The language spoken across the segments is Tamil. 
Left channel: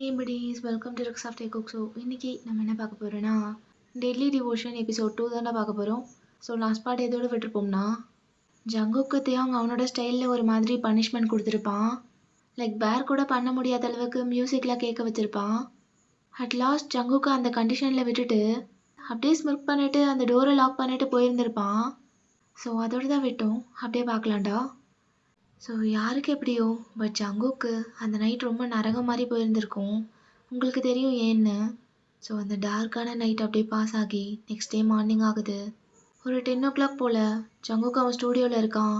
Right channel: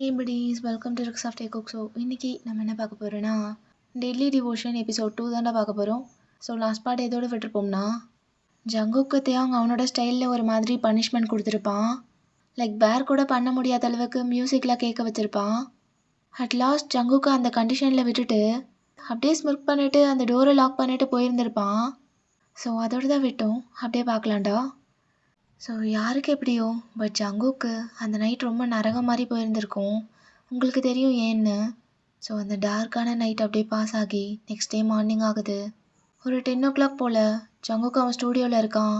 Hey buddies, welcome to Rooks of Cook. So இன்னைக்கு நம்ம என்ன பார்க்க போகிறோன்னா டெய்லி டிவோஷன் எபிசோட் 2 தானே பார்க்க போகிறோம். ஸோ லாஸ்ட் பார்ட் எதோடு விட்டுருப்போம்னா ஜங்குக்கு தேவங்க அவனோட ஸ்டைலில் ஒரு மாதிரி பனிஷ்மெண்ட் கொடுத்துருப்பான். லைக் பேர் கூட பண்ண முடியாத அளவுக்கு மியூசிக்லாம் கேட்க வச்சுருப்பான். அட் லாஸ்ட் ஜங்குக்கு அந்த கண்டிஷனில் விட்டுட்டு அப்படியே ஸ்மிர்க் பண்ணிவிட்டு அந்த டோரை லாக் பண்ணிவிட்டு போயிருந்திருப்பான். ஸோ அதோடு தான் விட்டோம். அப்படியே பார்க்கலாம்டா. ஸோ யாருக்கு எப்படியோ பட் ஜங்குக்கு அந்த நைட் ரொம்ப நரகம் மாதிரி போயிருந்திருக்கும். உங்களுக்கு தெரியும் ஏன்னு. ஸோ அந்த டார்க்கான நைட் அப்படியே பாஸ் ஆகி நெக்ஸ்ட் டே மார்னிங் ஆகுது. ஒரு 10 o'clock போல் ஜங்குக்கு அவன் ஸ்டூடியோவில் இருக்கான்.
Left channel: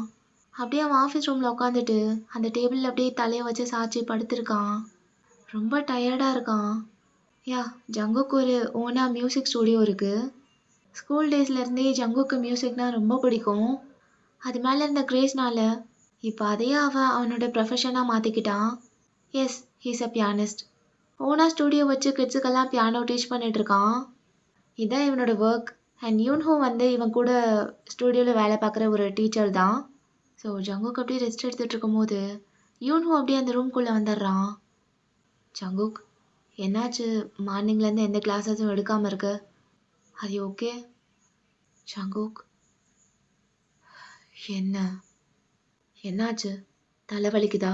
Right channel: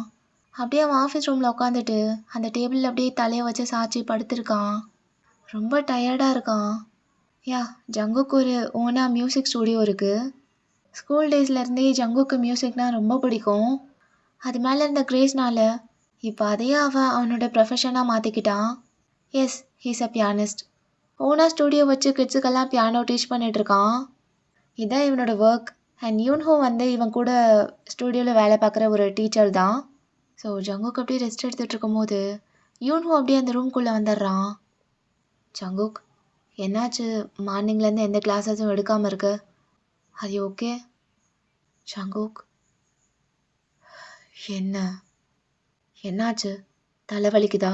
அப்படியே அவன் ஆஃபீஸ் ரூமில் உட்காந்துட்டு அந்த டேபிளில் அப்படியே தலையை வச்சு சாய்ச்சி படுத்திருக்கான். ரொம்ப டயர்டாக இருக்கான். யா, ஜங்குக்கு ஒரு ஓனாக மியூசிக் ஸ்டூடியோ இருக்குது. ஸ்கூல் டேஸ்லேருந்தே ஜங்குக்கு மியூசிக்னால் ரொம்ப பிடிக்கும். அது மேலே இருந்த கிரேஸ்னால இப்போ அதையே அவனோட ப்ரொஃபஷனாக மாற்றிக்கிட்டான். Yes, he's a pianist. ஓனாக ஸ்டூடியோ வச்சு கிட்ஸுக்கெல்லாம் பியானோ டீச் பண்ணிகிட்ருக்கான். இதுதான் இவனோட ஒர்க். அண்ட் யூன்ஹோ இவன் கூட ஸ்டூடியோவில் வேலை பார்க்குற ஒரு டீச்சர் தான். ஸோ ஜங்குக் அப்படியே ரெஸ்ட் எடுத்துகிட்டு இருக்கும்போது யூன்ஹோ அப்படியே அந்த ரூம்குள்ளே வந்துடுறான். ஜங்குக், என்னாச்சு? மார்னிங்லேருந்து எந்த கிளாஸஸும் எடுக்காமல் இருக்க? அது ஓகே? ஜங்குக், என்னாச்சு? தலைவலிக்குதா?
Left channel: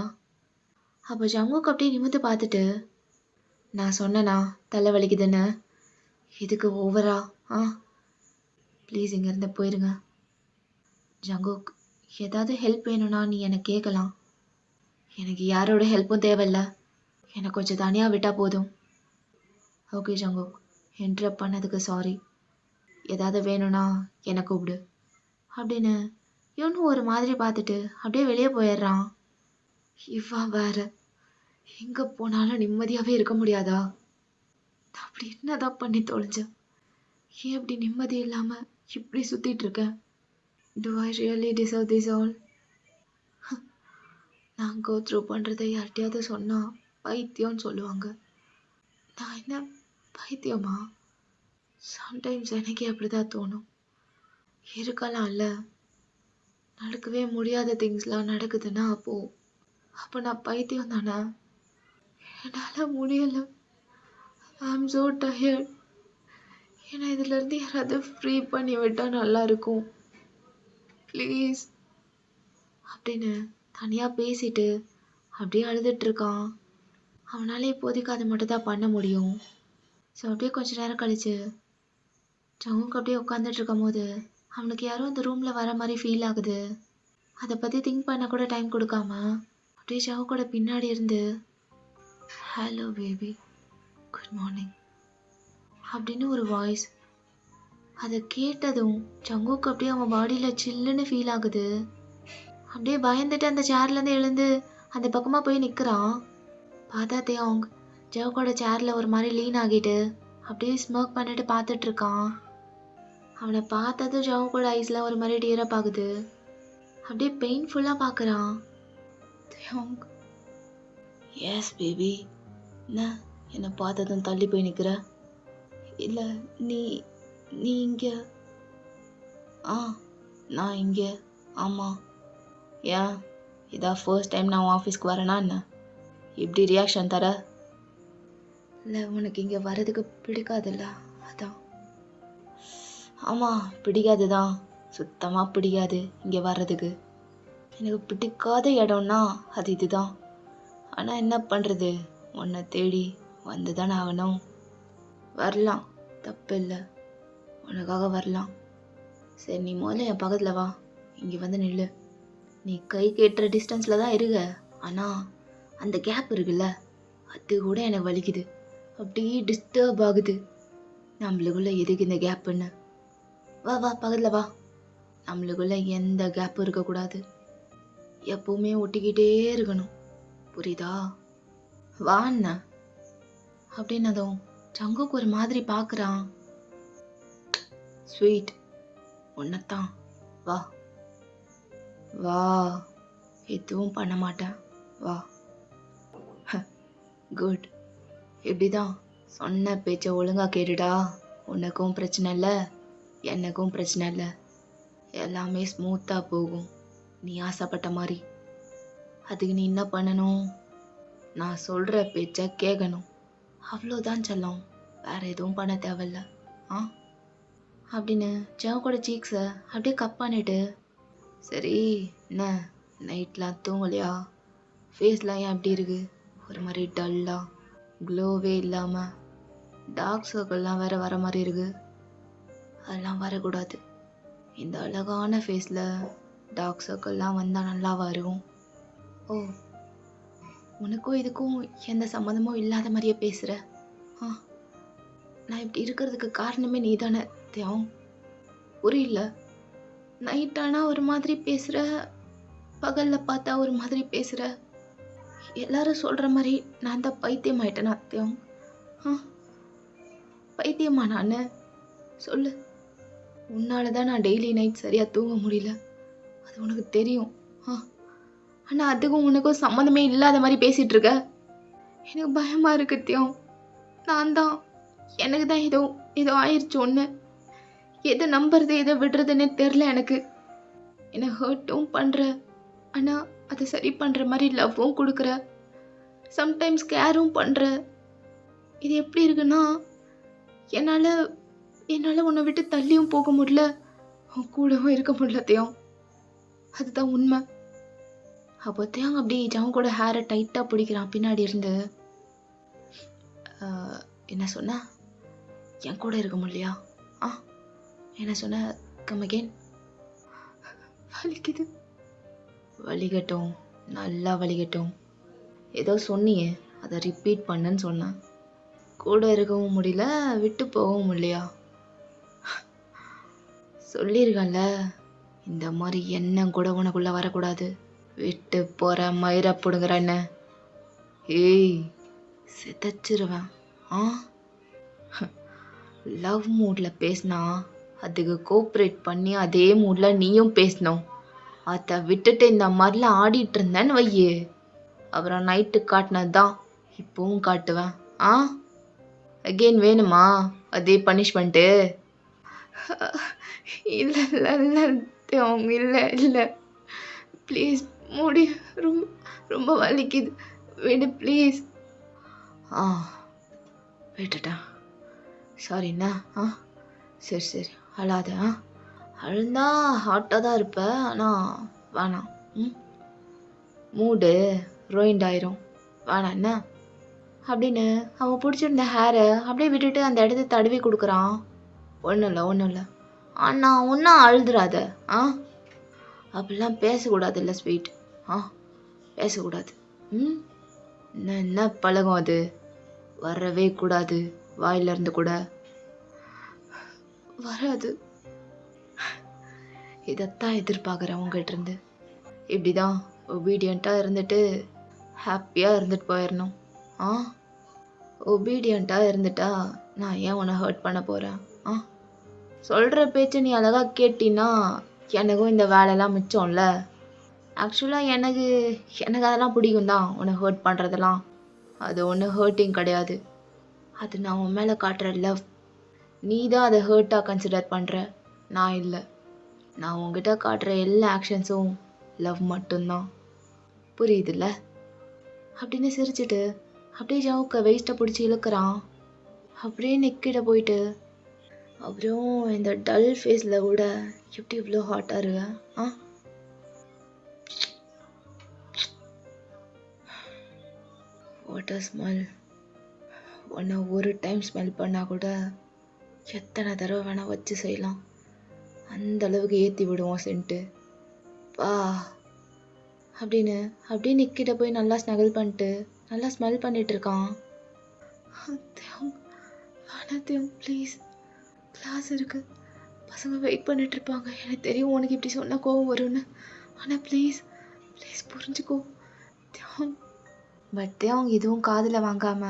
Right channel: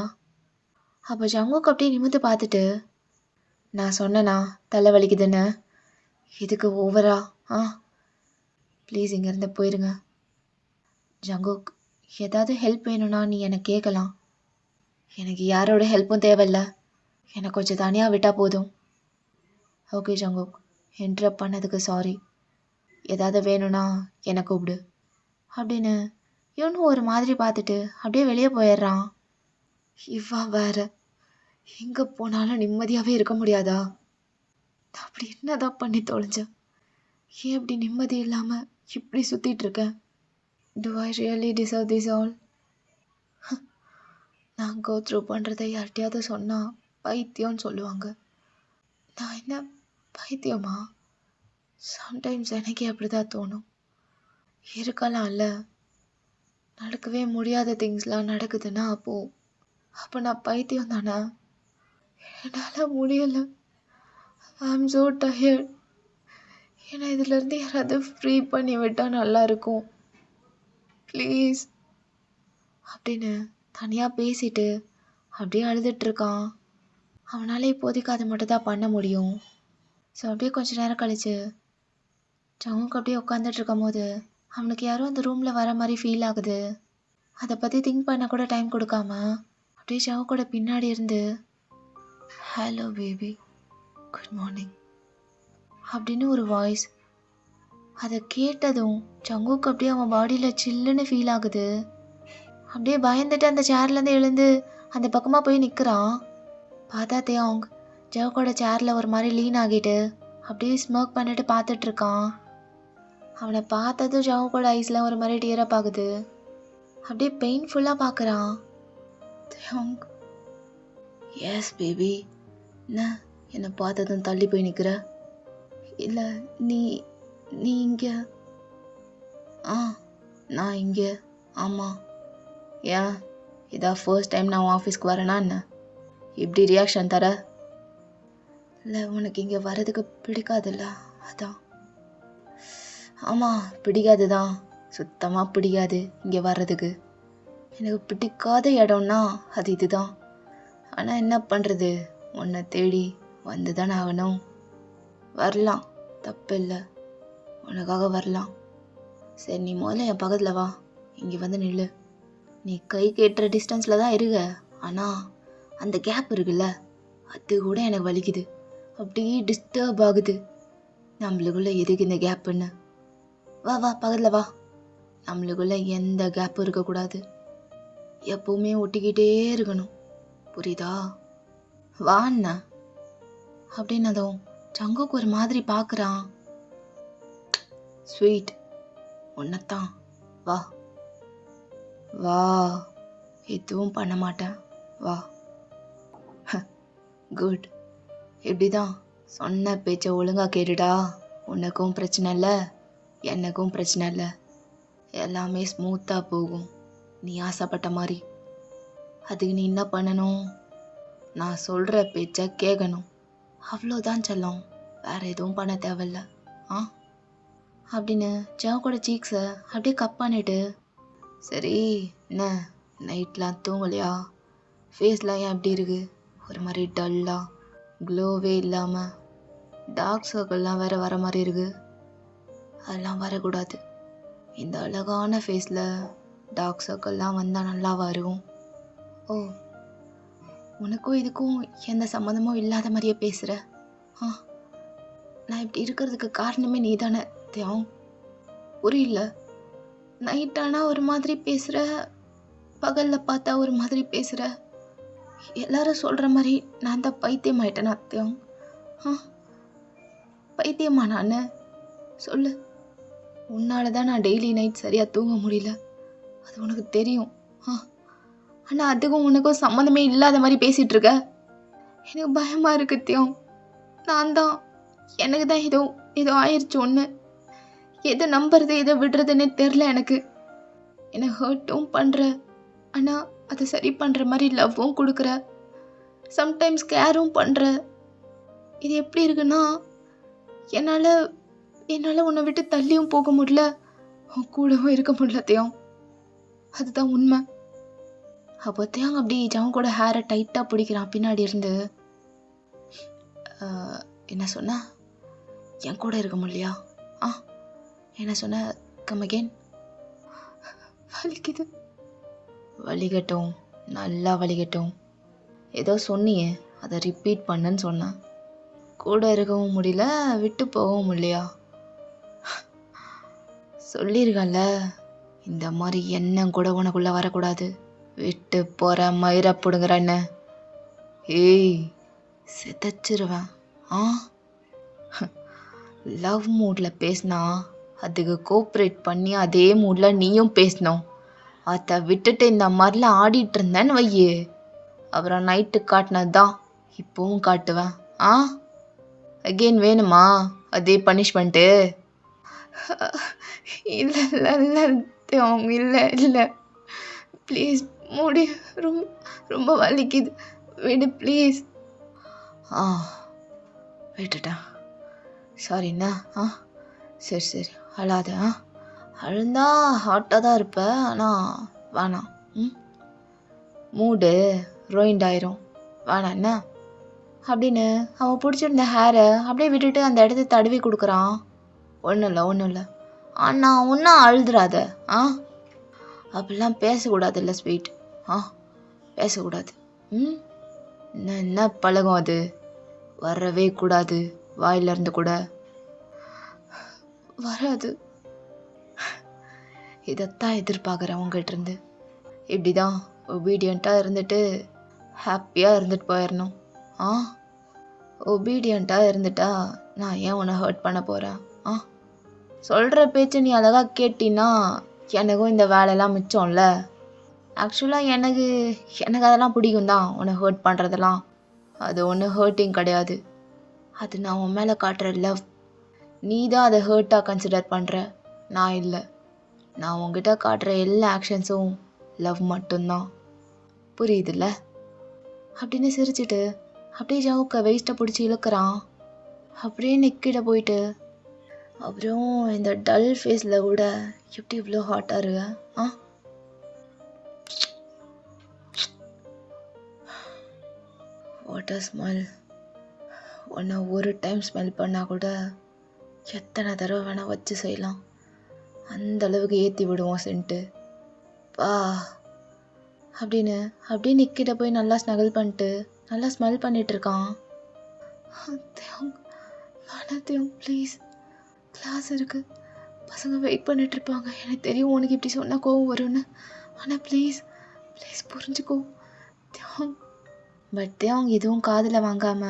அப்போ ஜங்குக் அப்படியே நிமிர்ந்து பார்த்துட்டு, நான் சொன்னேனா தலைவலிக்குதுன்னு? இதுக்கு ஓவரா? ப்ளீஸ் இங்கேருந்து போயிருங்க. ஜங்குக், ஏதாவது ஹெல்ப் வேணும்னா நீ எனக்கு கேட்கலாம். எனக்கு யாரோட ஹெல்ப்பும் தேவையில்ல. எனக்கு கொஞ்சம் தனியாக விட்டால் போதும். ஓகே ஜங்குக், இன்டரப்ட் பண்ணதுக்கு சாரி. ஏதாவது வேணும்னா என்னை கூப்பிடு அப்படின்னு இவனும் ஒரு மாதிரி பார்த்துட்டு அப்படியே வெளியே போயிடுறான். இவன் வேற எங்கே போனாலும் நிம்மதியாகவே இருக்க முடியாதா? நான் அப்படி என்னதான் பண்ணி தொலைஞ்சேன்? ஏன் இப்படி நிம்மதி இல்லாமல் இப்படி சுற்றிட்டு இருக்கேன்? Do I really deserve this all? நான் கோ த்ரூ பண்ணுறதை யார்கிட்டையாவது சொன்னால் பைத்தியம்னு சொல்லுவாங்க. நான் என்ன பைத்தியமா? சம்டைம்ஸ் எனக்கே அப்படி தான் தோணும். இருக்கலாம்ல, நடக்கவே முடியாத திங்ஸ்லாம் நடக்குதுன்னா அப்போ நான் பைத்தியம் தானே? என்னால் முடியலை. ஐ ஆம் ஸோ டயர்ட். ஏன்னா இதுலேருந்து யாராவது ஃப்ரீ பண்ணி விட்டால் நல்லாயிருக்கும் ப்ளீஸ் அப்படின்னு தனியாக பேசிட்டு அப்படியே அழுதுட்ருக்கான். அவனால் இப்போதைக்கு அதை மட்டும் தான் பண்ண முடியும். ஸோ அப்படியே கொஞ்ச நேரம் கழிச்சு ஜங்குக்கு அப்படியே உட்காந்துட்டு இருக்கும் போது அவனுக்கு யாரும் அந்த ரூமில் வர மாதிரி ஃபீல் ஆகுது. அதை பற்றி திங்க் பண்ண கூட டைம் கொடுக்காம அப்படியே ஜங்குக்கோட பின்னாடி இருந்து ஹலோ பேபி, குட் மார்னிங் அப்படின்னு ஒரு வாய்ஸ். அதை கேட்டதும் ஜங்குக்கு அப்படியே அவன் பாடியில் சில்லுன்னு ஃபீல் ஆகுது. அப்படியே பயந்துட்டு அந்த சேர்லேருந்து எழுந்து அந்த பக்கமாக போய் நிற்கிறான். பார்த்தா தேவங்க ஜவுக்கோட சேரில் ஒரு மாதிரி லீன் ஆகிட்டு அப்படியே ஸ்மோக் பண்ணிட்டு பார்த்துட்ருக்கான். அவனை பார்த்ததும் ஜவுக்கோட ஐஸில் ஒரு மாதிரி டியரப் ஆகுது. அப்படியே பெயின்ஃபுல்லாக பார்க்குறான். தேவங்க, எஸ் பேபி, என்னை பார்த்ததும் தள்ளி போய் நிற்கிற? இல்லை, நீ இங்கே? நான் இங்கே, ஆமாம். ஏன், இதான் ஃபர்ஸ்ட் டைம் நான் ஆஃபீஸ்க்கு வரேனா என்ன? இப்படி ரியாக்ஷன் தர? இல்லை, உனக்கு இங்கே வர்றதுக்கு பிடிக்காதுல்ல, அதான். ஆமாம், பிடிக்காது தான், சுத்தமாக பிடிக்காது இங்கே வர்றதுக்கு. எனக்கு பிடிக்காத இடம்னா அது இதுதான். ஆனால் என்ன பண்ணுறது, உன்னை தேடி வந்து தானே ஆகணும். வரலாம், தப்பு இல்லை, உனக்காக வரலாம். சரி, நீ முதல்ல என் பக்கத்தில் வா, இங்கே வந்து நில்லு. நீ கை கேட்டுற டிஸ்டன்ஸில் தான் இருக்க, ஆனால் அந்த கேப் இருக்குல்ல, அது கூட எனக்கு வலிக்குது. அப்படியே டிஸ்டர்ப் ஆகுது. நம்மளுக்குள்ள எதுக்கு இந்த கேப்புன்னு? வா பக்கத்தில் வா. நம்மளுக்குள்ள எந்த கேப்பும் இருக்கக்கூடாது, எப்பவுமே ஒட்டிக்கிட்டே இருக்கணும், புரியுதா? வாண்ணா அப்படின்னதும் ஜங்குக்கு ஒரு மாதிரி பார்க்குறான். ஸ்வீட், உன்னத்தான், வா வா, எதுவும் பண்ண மாட்டேன், வா. குட், இப்படிதான் சொன்ன பேச்சை ஒழுங்கா கேட்டுடா. உனக்கும் பிரச்சனை இல்லை, எனக்கும் பிரச்சனை இல்லை, எல்லாமே ஸ்மூத்தாக போகும் நீ ஆசைப்பட்ட மாதிரி. அதுக்கு நீ என்ன பண்ணணும்? நான் சொல்கிற பேச்சை கேட்கணும். அவ்வளோதான் செல்லம், வேற எதுவும் பண்ண தேவையில்ல. ஆ அப்படின்னு ஜவுக்கோட சீக்ஸை அப்படியே கப் பண்ணிட்டு, சரி என்ன நைட்லாம் தூங்கலையா, ஃபேஸ்லாம் ஏன் எப்படி இருக்கு, ஒரு மாதிரி டல்லாக க்ளோவே இல்லாமல் டார்க் சர்க்கிள்லாம் வேற வர மாதிரி இருக்கு, அதெல்லாம் வரக்கூடாது. இந்த அழகான ஃபேஸில் டார்க் சர்க்கிள்லாம் வந்தால் நல்லாவா இருக்கும்? ஓ, உனக்கும் இதுக்கும் எந்த சம்மந்தமும் இல்லாத மாதிரியே பேசுகிற. ஆ நான் இப்படி இருக்கிறதுக்கு காரணமே நீ தானே தேவம். புரியல, நைட்டானா ஒரு மாதிரி பேசுகிற, பகலில் பார்த்தா ஒரு மாதிரி பேசுகிற. எல்லாரும் சொல்கிற மாதிரி நான் தான் பைத்தியம் ஆயிட்டேனா தேவம்? ஆ பைத்தியமா நான்? சொல்லு. உன்னால தான் நான் டெய்லி நைட் சரியாக தூங்க முடியல, அது உனக்கு தெரியும். ஆனால் அதுக்கும் உனக்கும் சம்மந்தமே இல்லாத மாதிரி பேசிகிட்டு இருக்க. எனக்கு பயமாக இருக்கு தேவம். நான் தான், எனக்கு தான் ஏதோ ஆயிடுச்சு ஒன்று. எதை நம்புறது எதை விடுறதுன்னே தெரில எனக்கு. என்னை ஹர்ட்டும் பண்ணுற, ஆனால் அதை சரி பண்ணுற மாதிரி லவ்வும் கொடுக்குற, சம்டைம்ஸ் கேரும் பண்ணுற. இது எப்படி இருக்குன்னா, என்னால் உன்னை விட்டு தள்ளியும் போக முடியல, உன் கூடவும் இருக்க முடியல தேவம். அதுதான் உண்மை. அப்போ தேவம் அப்படி ஜவன் கூட ஹேரை டைட்டாக பிடிக்கிறான் பின்னாடி இருந்து. என்ன சொன்ன, என் கூட இருக்க முடியலையா? என்ன சொன்ன, கம் அகெயின். வலிக்குது. வலிக்கட்டும், நல்லா வலிக்கட்டும். ஏதோ சொன்னியே, அதை ரிப்பீட் பண்ணுன்னு சொன்னேன். கூட இருக்கவும் முடியல, விட்டு போகவும் முடியலையா? சொல்லியிருக்கேன்ல, இந்த மாதிரி எண்ணம் கூட உனக்குள்ளே வரக்கூடாது. விட்டு போகிற மயிரை பிடுங்குறேன்னு. ஏய், சிதைச்சிருவேன். லவ் மூடில் பேசினா அதுக்கு கோஆப்ரேட் பண்ணி அதே மூடில் நீயும் பேசணும். அதை விட்டுட்டு இந்த மாதிரிலாம் ஆடிட்டு இருந்தேன்னு வையே, அப்புறம் நைட்டு காட்டினது தான் இப்போவும் காட்டுவேன். அகெயின் வேணுமா அதே பனிஷ்மெண்ட்டு? இல்லை இல்லை இல்லை அவங்க, இல்லை இல்லை ப்ளீஸ் மூடி, ரொம்ப ரொம்ப வலிக்குது, விடு ப்ளீஸ். விட்டுட்டேன், சாரிண்ணா. சரி அழாத. அழுந்தா ஹாட்டாக தான் இருப்ப, ஆனால் வேணாம். மூடு ரோயிண்ட் ஆயிரும், வேணாம் என்ன அப்படின்னு அவன் பிடிச்சிருந்த ஹேரை அப்படியே விட்டுட்டு அந்த இடத்த தடவி கொடுக்குறான். ஒன்றும் இல்லை அண்ணா, ஒன்றும் அழுதுறாத. அப்படிலாம் பேசக்கூடாதுல்ல ஸ்வீட். பேசக்கூடாது. என்ன பழகம் அது, வரவே கூடாது வாயிலிருந்து கூட. வராது. இதைத்தான் எதிர்பார்க்குறேன் உங்ககிட்ட இருந்து. இப்படிதான் ஒபீடியண்ட்டாக இருந்துட்டு ஹாப்பியாக இருந்துட்டு போயிடணும். ஒபீடியண்ட்டாக இருந்துட்டா நான் ஏன் உன்னை ஹர்ட் பண்ண போகிறேன்? சொல்கிற பேச்சு நீ அழகாக கேட்டின்னா எனக்கும் இந்த வேலையெல்லாம் மிச்சம்ல. ஆக்சுவலாக எனக்கு அதெல்லாம் பிடிக்கும் தான், உன்னை ஹர்ட் பண்ணுறதெல்லாம். அது ஒன்றும் ஹர்ட்டிங் கிடையாது, அது நான் உன் மேலே காட்டுற லவ். நீ தான் அதை ஹர்ட்டாக கன்சிடர் பண்ணுற, நான் இல்லை. நான் உங்ககிட்ட காட்டுற எல்லா ஆக்ஷன்ஸும் லவ் மட்டும்தான், புரியுதுல்ல? அப்படின்னு சிரிச்சிட்டு அப்படியே ஜவுக்க வெயிஸ்ட்டை பிடிச்சி இழுக்கிறான். அப்படியே நிக்கிட போயிட்டு, அப்புறம் இந்த டல் ஃபேஸில் கூட எப்படி இவ்வளோ ஹாட்டாக இருக்க? Water smell. உன்னை ஒரு டைம் ஸ்மெல் பண்ணால் கூட எத்தனை தடவை வேணால் வச்சு செய்யலாம், அந்த அளவுக்கு ஏற்றி விடுவோம் சென்ட்டு. வா அப்படின்னு அப்படியே நிக்கிட்ட போய் நல்லா ஸ்னகல் பண்ணிட்டு நல்லா ஸ்மெல் பண்ணிட்டு இருக்கான். வேணாத்தையும் ப்ளீஸ், கிளாஸ் இருக்கு, பசங்க வெயிட் பண்ணிட்டு இருப்பாங்க. எனக்கு தெரியும் உனக்கு இப்படி சொன்னால் கோவம் வரும்னு, ஆனால் ப்ளீஸ் புரிஞ்சுக்கோ. பட் அவங்க எதுவும் காதில் வாங்காம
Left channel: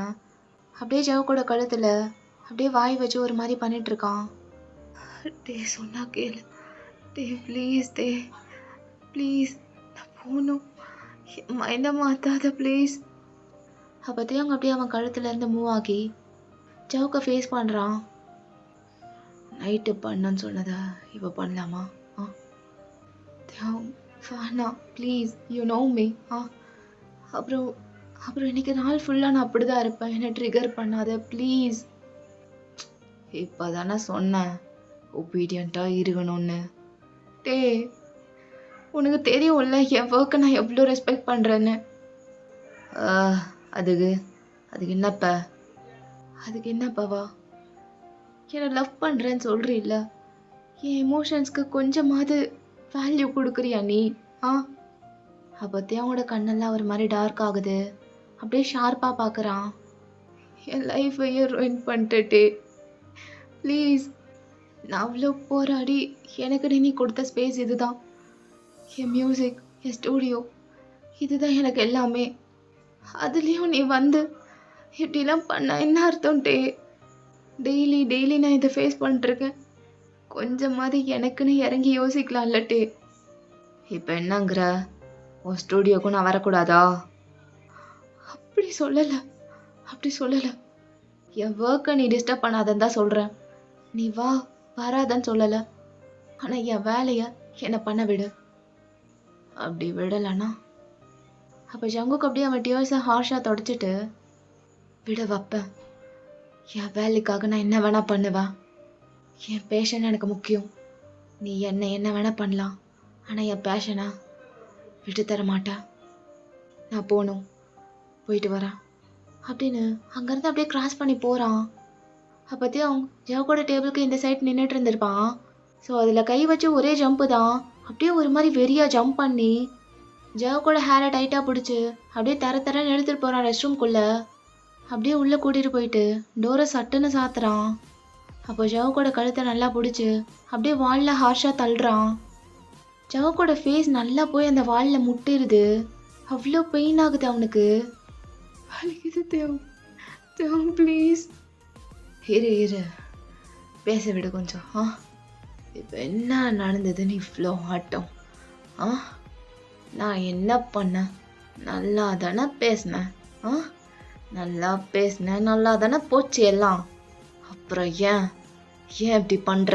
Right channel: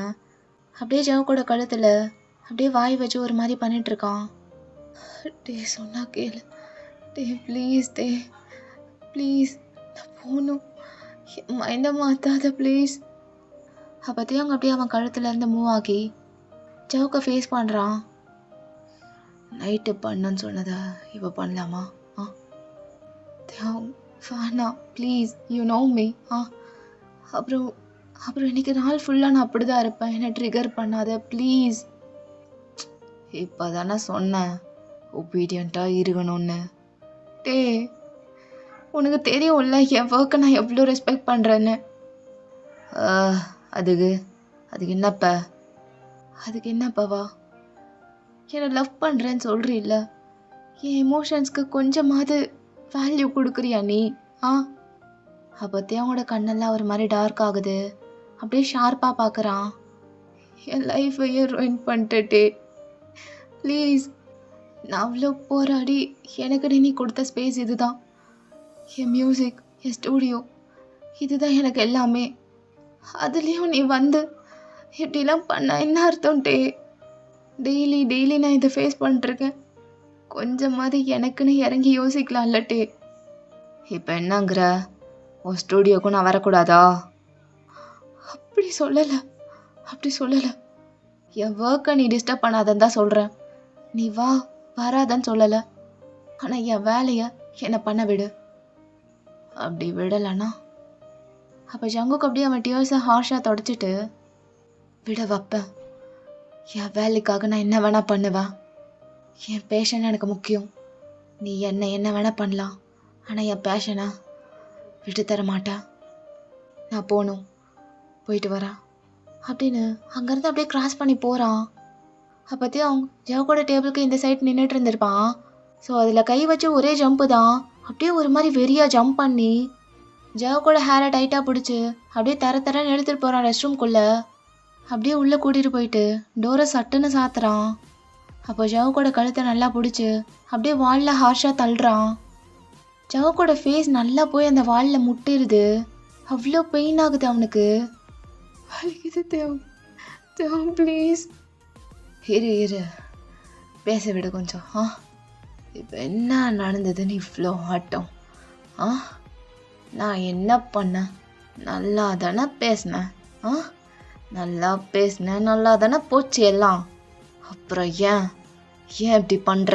அப்படியே ஜவுக்கோட கழுத்தில் அப்படியே வாய் வச்சு ஒரு மாதிரி பண்ணிட்டு இருக்கான். டே சொன்னா கேளு, டே ப்ளீஸ் நான் போகணும், மைண்டை மாற்றாத ப்ளீஸ். அப்போத்தையும் அவங்க அப்படியே அவன் கழுத்துலேருந்து மூவ் ஆகி ஜவுக்கை ஃபேஸ் பண்ணுறான். நைட்டு பண்ணுன்னு சொன்னதை இப்போ பண்ணலாமா? வேணாம் ப்ளீஸ், யூ நோ மீ. அப்புறம் அப்புறம் இன்னைக்கு நாள் ஃபுல்லாக நான் அப்படி தான் இருப்பேன். என்னை ட்ரிகர் பண்ணாத ப்ளீஸ். இப்போ தானே சொன்னேன் ஒபீடியண்ட்டாக இருக்கணும்னு. டே, உனக்கு தெரியும்ல என் ஒர்க்கை நான் எவ்வளோ ரெஸ்பெக்ட் பண்ணுறேன்னு. அதுக்கு அதுக்கு என்னப்பா? அதுக்கு என்னப்பாவா? என்னை லவ் பண்ணுறேன்னு சொல்கிறீல்ல, என் எமோஷன்ஸ்க்கு கொஞ்சமாவது வேல்யூ கொடுக்குறியா நீ? அப்போத்தையும் அவனோட கண்ணெல்லாம் ஒரு மாதிரி டார்க் ஆகுது. அப்படியே ஷார்ப்பாக பார்க்குறான். என் லைஃபையே ruin பண்ணிட்டே. ப்ளீஸ், நான் அவ்வளோ போராடி எனக்கு நீ கொடுத்த ஸ்பேஸ் இதுதான். என் மியூசிக், என் ஸ்டூடியோ, இதுதான் எனக்கு எல்லாமே. அதுலேயும் நீ வந்து இப்படிலாம் பண்ண என்ன அர்த்தம்ட்டே? டெய்லி நான் இதை ஃபேஸ் பண்ணிட்டுருக்கேன். கொஞ்சமாவது எனக்குன்னு இறங்கி யோசிக்கலாம்ல டே. இப்போ என்னங்கிற? உன் ஸ்டூடியோக்கும் நான் வரக்கூடாதா? அப்படி சொல்லலை. என் ஒர்க்கை நீ டிஸ்டர்ப் பண்ணாதன்னு தான் சொல்கிறேன். நீ வராதன்னு சொல்லலை. ஆனால் என் வேலையை என்னை பண்ண விடு. அப்படி விடலைன்னா அப்போ ஜங்குக்கு அப்படியே அவன் டியர்ஸை ஹார்ஷாக தொடச்சிட்டு விட வைப்பேன். என் வேலைக்காக நான் என்ன வேணால் பண்ணுவேன். என் பேஷன் எனக்கு முக்கியம். நீ என்ன வேணால் பண்ணலாம், ஆனால் என் பேஷனை விட்டு தர மாட்டேன். நான் போயிட்டு வரேன் அப்படின்னு அங்கேருந்து அப்படியே கிராஸ் பண்ணி போகிறான். அப்போத்தையும் அவன் ஜவுக்கோட டேபிளுக்கு இந்த சைட் நின்றுட்டு இருந்திருப்பான். ஸோ அதில் கை வச்சு ஒரே ஜம்ப்பு தான். அப்படியே ஒரு மாதிரி வெறியாக ஜம்ப் பண்ணி ஜவுக்கோட ஹேரை டைட்டாக பிடிச்சி அப்படியே தரன்னு எடுத்துகிட்டு போகிறான் ரெஸ்ட் ரூம்குள்ளே. அப்படியே உள்ளே கூட்டிகிட்டு போயிட்டு டோரை சட்டுன்னு சாத்துறான். அப்போ ஜவுக்கோட கழுத்தை நல்லா பிடிச்சி அப்படியே வாலில் ஹார்ஷாக தள்ளுறான். ஜவுக்கோட ஃபேஸ் நல்லா போய் அந்த வாலில் முட்டிடுது. அவ்வளோ பெயின் ஆகுது அவனுக்கு. வலிக்குது தேவ் ப்ளீஸ். இரு பேச விடு கொஞ்சம். இப்போ என்ன நடந்ததுன்னு இவ்வளோ ஆட்டம்? நான் என்ன பண்ணேன்? நல்லா தானே பேசினேன். நல்லா தானே போச்சு எல்லாம். அப்புறம் ஏன் இப்படி பண்ணுற?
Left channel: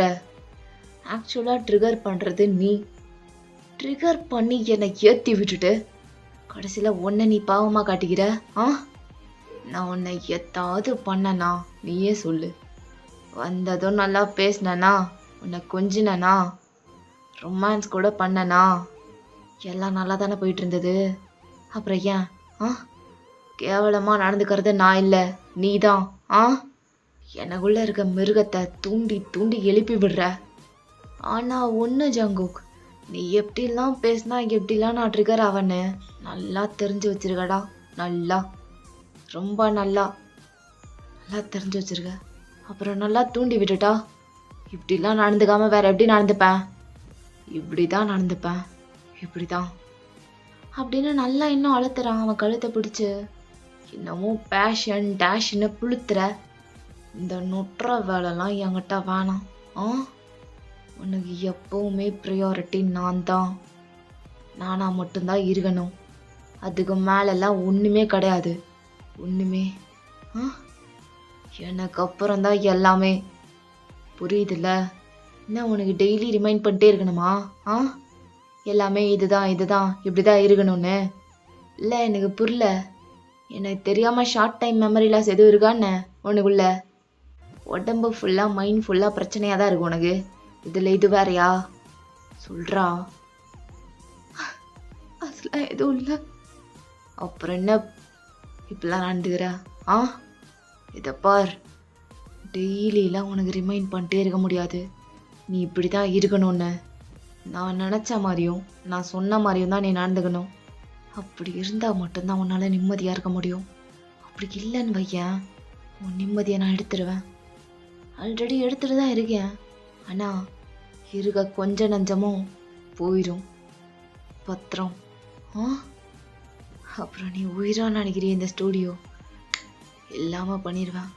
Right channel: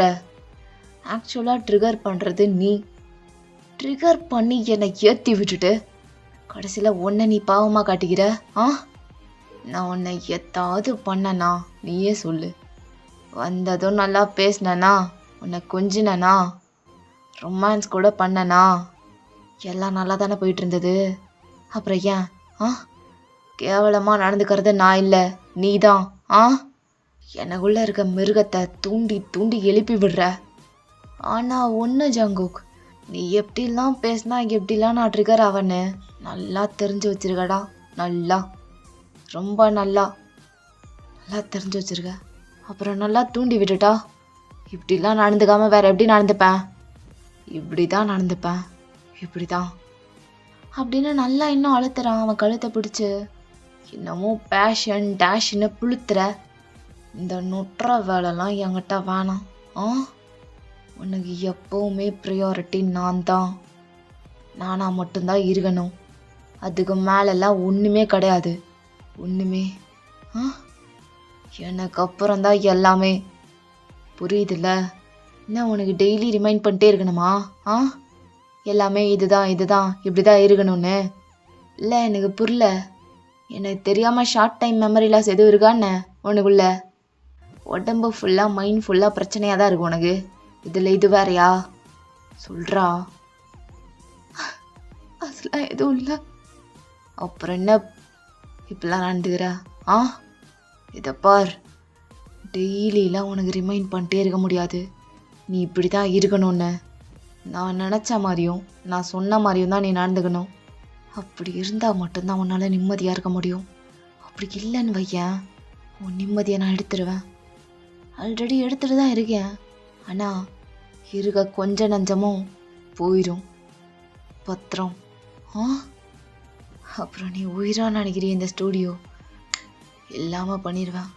ஆக்சுவலாக ட்ரிகர் பண்ணுறது நீ. ட்ரிகர் பண்ணி என்னை ஏற்றி விட்டுட்டு கடைசியில் உன்னை நீ பாவமாக காட்டிக்கிற. நான் உன்னை எத்தாவது பண்ணனா நீயே சொல்லு. வந்ததும் நல்லா பேசினனா, உன்னை கொஞ்சினனா, ரொமான்ஸ் கூட பண்ணனா, எல்லாம் நல்லா தானே போயிட்டு இருந்தது. அப்புறம் ஏன் கேவலமாக நடந்துக்கிறது நான் இல்லை, நீ தான். எனக்குள்ளே இருக்க மிருகத்தை தூண்டி எழுப்பி விடுற. ஆனால் ஒன்று ஜங்குக், நீ எப்படிலாம் பேசினா எப்படிலாம் நான் ட்ரிகர் ஆவன்னு நல்லா தெரிஞ்சு வச்சிருக்கடா. ரொம்ப நல்லா தெரிஞ்சு வச்சிருக்க. அப்புறம் நல்லா தூண்டி விட்டுட்டா இப்படிலாம் நடந்துக்காம வேற எப்படி நடந்துப்பேன்? இப்படிதான் நடந்துப்பேன், இப்படிதான் அப்படின்னு நல்லா இன்னும் அழுத்துறான் அவன் கழுத்தை பிடிச்சு. இன்னமும் பேஷன் டேஷ்ன்னு புளுத்துற. இந்த நொட்டுற வேலைலாம் என்கிட்ட வேணாம். உனக்கு எப்போவுமே ப்ரியாரிட்டி நான் தான். நானா மட்டும்தான் இருக்கணும். அதுக்கு மேலெல்லாம் ஒன்றுமே கிடையாது. ஒன்றுமே எனக்கு அப்புறம்தான் எல்லாமே. புரியுதுல்ல? என்ன உனக்கு டெய்லி ரிமைண்ட் பண்ணிட்டே இருக்கணுமா? எல்லாமே இதுதான் இப்படிதான் இருக்கணும்னு. இல்லை, எனக்கு புரியல. எனக்கு தெரியாமல் ஷார்ட் டைம் மெமரி லாஸ் எதுவும் இருக்கான்னு உனக்குள்ள? உடம்பு ஃபுல்லாக மைண்ட் ஃபுல்லாக பிரச்சனையாக தான் இருக்கு உனக்கு. இதில் இது வேறையா? சொல்கிறா. அதெல்லாம் எதுவும் இல்லை. அப்புறம் என்ன இப்பெல்லாம் நடந்துக்கிற? இதை பார், டெய்லிலாம் உனக்கு ரிமைண்ட் பண்ணிட்டே இருக்க முடியாது. நீ இப்படி தான் இருக்கணும்னு. நான் நினச்ச மாதிரியும் நான் சொன்ன மாதிரியும் தான் நீ நடந்துக்கணும். அப்படி இருந்தால் மட்டும்தான் உன்னால் நிம்மதியாக இருக்க முடியும். அப்படி இல்லைன்னு வையேன், உன் நிம்மதியை நான் எடுத்துடுவேன். ஆல்ரெடி எடுத்துகிட்டு தான் இருக்கேன். ஆனால் இருக்க கொஞ்ச நஞ்சமும் போயிடும். பத்திரம். அப்புறம் நீ உயிராக நினைக்கிறிய இந்த ஸ்டூடியோ இல்லாமல் பண்ணிடுவேன்.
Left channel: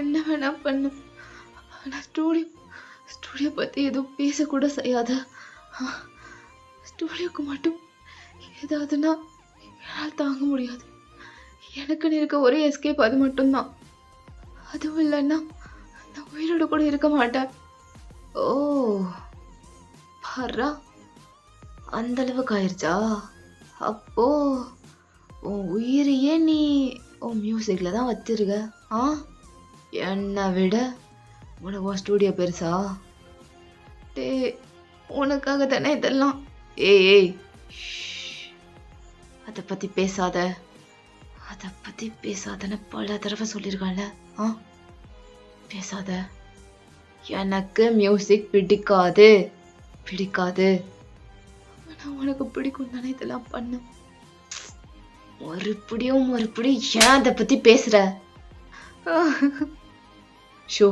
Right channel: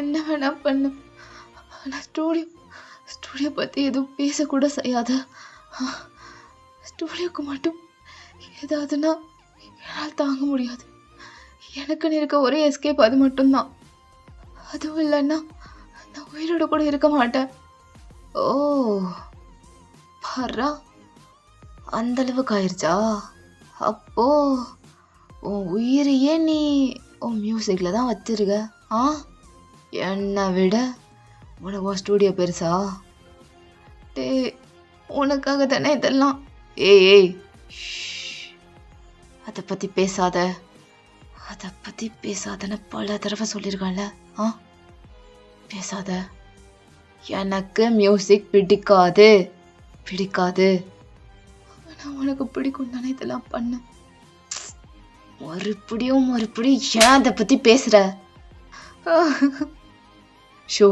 என்ன வேணா பண்ணு. ஆனால் ஸ்டூடியோ பற்றி எதுவும் பேசக்கூட செய்யாத. ஸ்டூடியோக்கு மட்டும் ஏதாவதுன்னா என்னால் தாங்க முடியாது. எனக்குன்னு இருக்க ஒரே எஸ்கேப் அது மட்டும்தான். அதுவும் இல்லைன்னா நான் உயிரோட கூட இருக்க மாட்டேன். பாரா, அந்த அளவுக்கு ஆயிடுச்சா? அப்போ உன் உயிரையே நீ உன் மியூசிக்கில் தான் வச்சிருக்க. ஆ, என்னை விட உனக்கு உன் ஸ்டூடியோ பெருசா? டே, உனக்காக தானே இதெல்லாம். ஏய், அதை பற்றி பேசாத, அதை பற்றி பேசாதன்னு பல தடவை சொல்லியிருக்கான்ல. ஆ, பேசாத. எனக்கு மியூசிக் பிடிக்காது, பிடிக்காது. நான் உனக்கு பிடிக்கும் தானே இதெல்லாம் பண்ண. மறுபடியும் ஏன் அதை பற்றி பேசுகிற? ஷோ,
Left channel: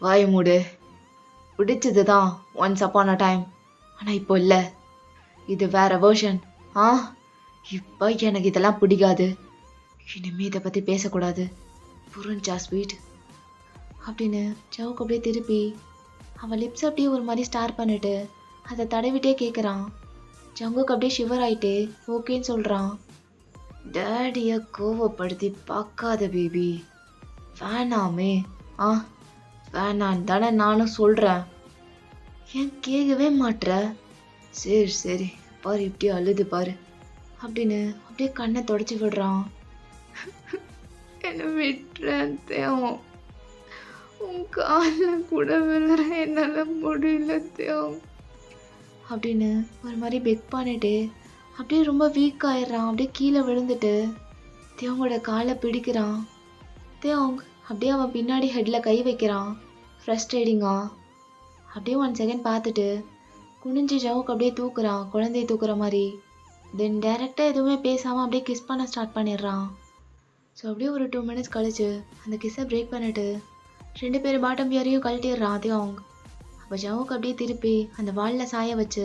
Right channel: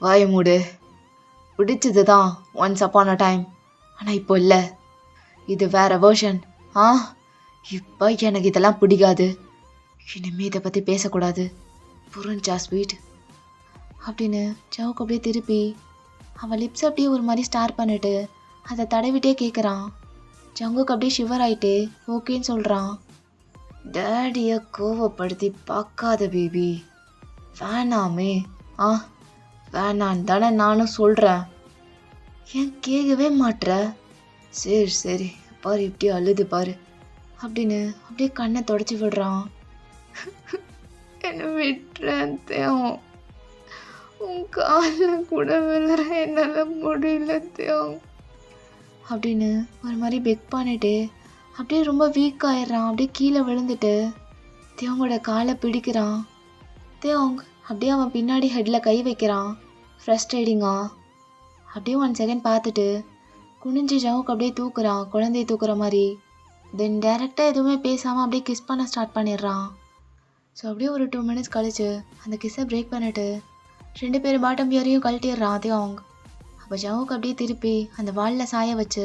வாய மூடு. பிடிச்சது தான் ஒன்ஸ் அப்பான் அ டைம், ஆனால் இப்போ இல்லை. இது வேற வேர்ஷன். ஆ, இப்போ எனக்கு இதெல்லாம் பிடிக்காது. இனிமே இதை பற்றி பேசக்கூடாது, புரிஞ்சா ஸ்வீட்? அப்படின்னு ஜவுக்கு அப்படியே திருப்பி அவன் லிப்ஸ் அப்படியே ஒரு மாதிரி ஸ்டார் பண்ணிட்டு அதை தடவிட்டே கேட்குறான். ஜங்குக்கு அப்படியே ஷிவர் ஆயிட்டு ஓகேன்னு சொல்கிறான். டேடியை கோவப்படுத்தி பார்க்காத பேபி, வேணாமே. ஆ, வேணான்னு தானே நானும் சொல்கிறேன், ஏன் கேட்கவே மாட்ற? சரி சரி பாரு, இப்படி அழுது பாரு அப்படின்னு அப்படியே கண்ணை தொடச்சி விடுறான். என்னை விட்டுறேன், உன் காலில் கூட விழுற என்னால் முடியல அப்படின்னு ஒரு மாதிரி பெக் பண்ணிட்டு அப்படியே ரொம்ப வீக் ஆயிடுறான். அப்படியே கீழே விழுந்துட்டு தேவங்களோட காலை பிடிக்கிறான். தேவங்க அப்படியே அவன் பின்னாடி ஹெட்டில் கை வைக்கிறான். ஃப்ரஸ்ட்ரேட்டிங்கா அப்படியே 1 செகண்ட் பார்த்துட்டு குனிஞ்சு ஜவுக்கு அப்படியே தூக்குறான், குழந்தைய தூக்குற மாதிரி. தென் டேரெக்டாக எதுவுமே பேசாமல் அப்படியே கிஸ் பண்ண ஸ்டார்ட் பண்ணிடுறான். ஸோ அப்படியே ஒரு 2 மினிட்ஸ் கழிச்சு அந்த கிஸ்ஸை பிரேக் பண்ணிட்டு 2 பேர் பாட்டம் பியரையும் கழட்டிடுறான் தேவங்க. அப்போ ஜவுக்கு அப்படியே திருப்பி அந்த வாலில் சாய வச்சு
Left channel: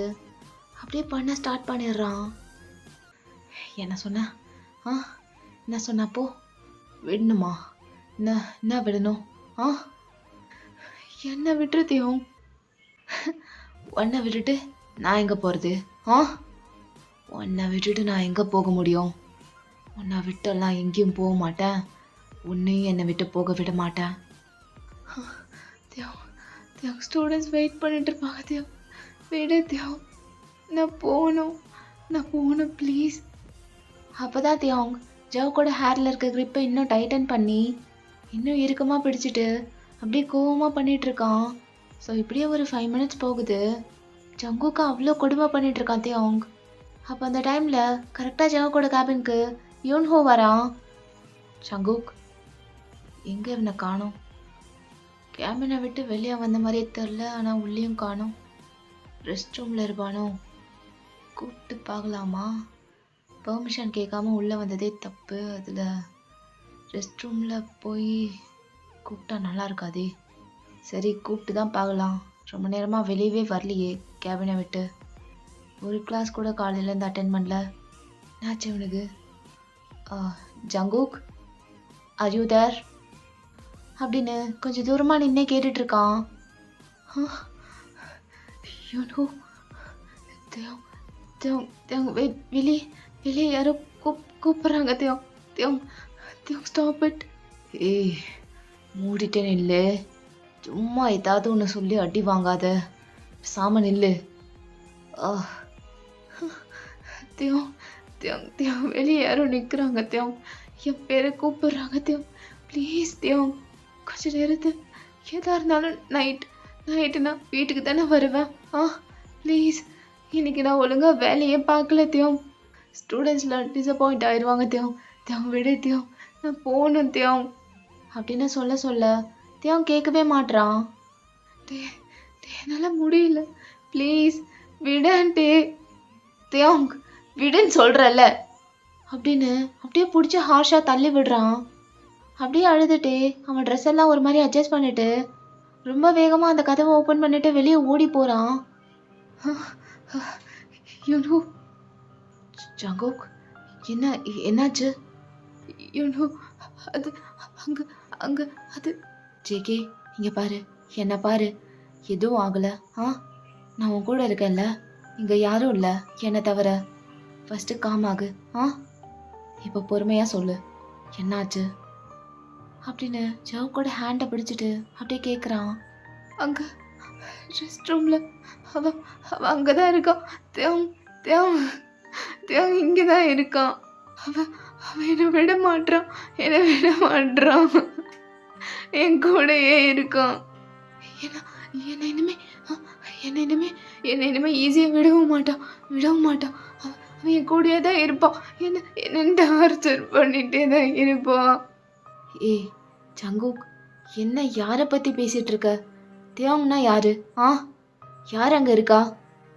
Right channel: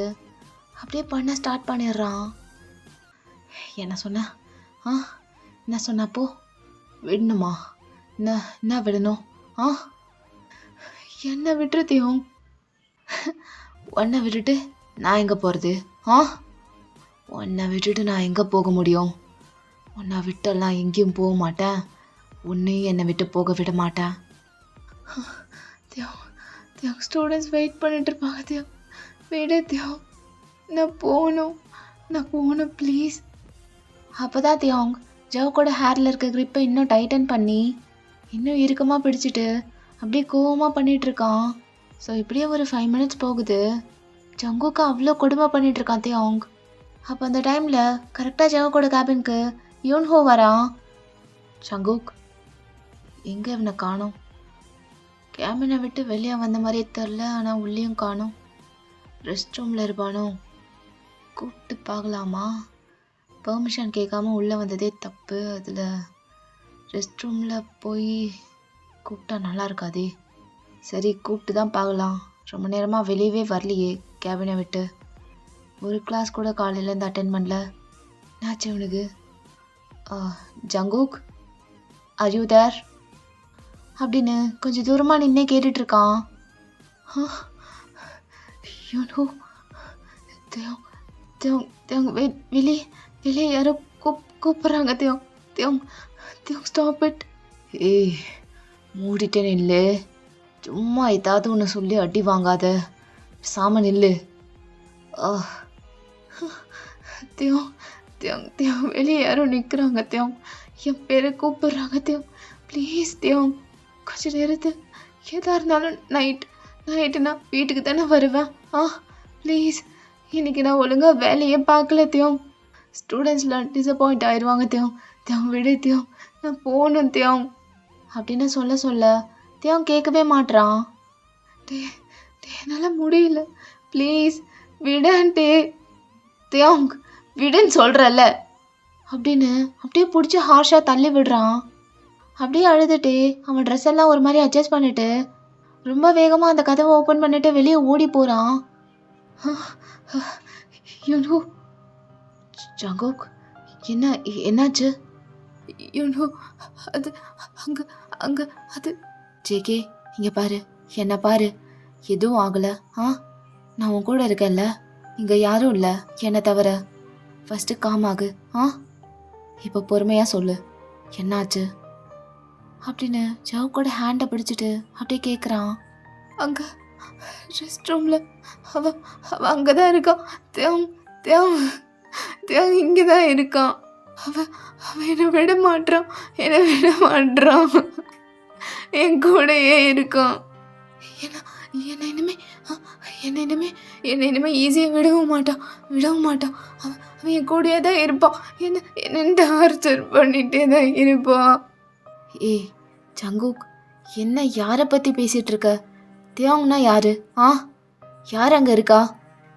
அப்படியே பண்ண ஸ்டார்ட் பண்ணிடுறான். என்ன சொன்ன? ஆ, என்ன சொன்னப்போ விடணுமா? என்ன விடணும்? ஆ, என்ன விட்டுருத்தியும். உன்னை விட்டுட்டு நான் எங்கே போகிறது? ஆ, உன்னை விட்டுட்டு நான் எங்கே போக முடியும்? உன்னை விட்டெல்லாம் எங்கேயும் போக மாட்டேன், உன்னையும் என்னை விட்டு போக விட மாட்டேன். ஸ்டூடெண்ட்ஸ் வெயிட் பண்ணிட்டு இருப்பாங்க. விடு நான் போகணும் ப்ளீஸ். அப்போ தான் ஜவுக்கோட ஹேரில் இருக்க க்ரிப்பை இன்னும் டைட்டன் பண்ணி இன்னும் இறுக்கமாக பிடிச்சிட்டு அப்படியே கோவமாக பண்ணிகிட்ருக்கான். ஸோ இப்படியே ஒரு 5 மினிட்ஸ் போகுது. ஜங்குக்கு அவ்வளோ கொடுமை பண்ணிகிட்ருக்கான் அவங்க. அப்போ அந்த டைமில் கரெக்டாக ஜவுக்கோட கேபினுக்கு யூன்ஹோ வரான். ஜங்குக், எங்கே இவனை காணோம்? கேபினை விட்டு வெளியே வந்த மாதிரியே தெரில, ஆனால் உள்ளேயும் காணோம். ரெஸ்ட் ரூமில் இருப்பானோ? கூப்பிட்டு பார்க்கலாமா? பெர்மிஷன் கேட்காம உள்ளே வந்ததே தப்பு. அதில் ரெஸ்ட் ரூமில் போய் கூப்பிட்டா நல்லா இருக்காதே. சரி, கூப்பிட்டு தான் பார்க்கலாம். ரொம்ப நேரமாக வெளியவே வரலையே கேபினை விட்டு. ஒரு கிளாஸ் கூட காலையிலேருந்து அட்டென்ட் பண்ணல. என்னாச்சு இவனுக்கு? ஜங்குக், ஆர் யூ தேர் அப்படின்னு கொஞ்சம் தூரமாக நின்னே கேட்டுட்ருக்கான். வெளியே யாரோ கூப்பிட்றாங்க. Stop it. ஏய், மூடிட்டேன்னு இல்லை, சும்மா ஏதாவது ஒன்று சொல்லி அடி வாங்காத, சாம நில்லு. வெளியே யாரோ நிற்கிறாங்க. என் பேரை கூப்பிடுறாங்க. ப்ளீஸ் கொஞ்சம் நேரத்து எதாக இருந்தாலும் நைட்டு நான் வீட்டுக்கு தானே வருவேன். ப்ளீஸ், இன்னைக்கு நான் ஒழுங்காக வேலையே பார்க்கல. ஸ்டூடெண்ட்ஸ்லாம் டிசப்பாயிண்ட் ஆயிடுவாங்க. விடு நான் போகணும் அப்படின்னு சொல்ல கேட்கவே மாட்றான். என்னால் முடியல, ப்ளீஸ் விடான்ட்டே. விடுன்னு சொல்கிறல்ல அப்படின்னு அப்படியே பிடிச்சி ஹார்ஷாக தள்ளி விடுறான். அப்படியே அழுதுட்டு அவன் ட்ரெஸ் எல்லாம் ஒரு மாதிரி அட்ஜஸ்ட் பண்ணிட்டு ரொம்ப வேகமாக அந்த கதவை ஓப்பன் பண்ணிட்டு வெளியே ஓடி போகிறான். ஜங்குக், என்னாச்சு? அது அங்கே அது ஜேகே, இங்கே பாரு, என்ன பாரு, எதுவும் ஆகலை. நான் உன் கூட இருக்கேன்ல, இங்கே யாரும் இல்லை என்னை தவிர. ஃபஸ்ட்டு காமாகு. இப்போ பொறுமையாக சொல்லு, என்னாச்சு அப்படின்னு ஜவுக்கோட ஹேண்டை பிடிச்சிட்டு அப்படியே கேட்குறான். அங்கே ரெஸ்ட் ரூமில் அவன் அங்கே தான் இருக்கான். தியாங் இங்கே தான் இருக்கான். அவன் அவன் என்னை விட மாட்றான், என்னை விட மாட்றான். என் கூடயே இருக்கான். என்ன என்னை இனிமே என்னை இனிமே என்னை இனிமே ஈஸியாக விடவும் மாட்டான். அவன் என் கூடயே தான் இருப்பான். என்ன டார்ச்சர் பண்ணிகிட்டே தான் இருப்பான். ஏய் ஜங்குக், என்ன யாரை பற்றி பேசிகிட்டு இருக்க? தியாங்னா யாரு? யார் அங்கே இருக்கா?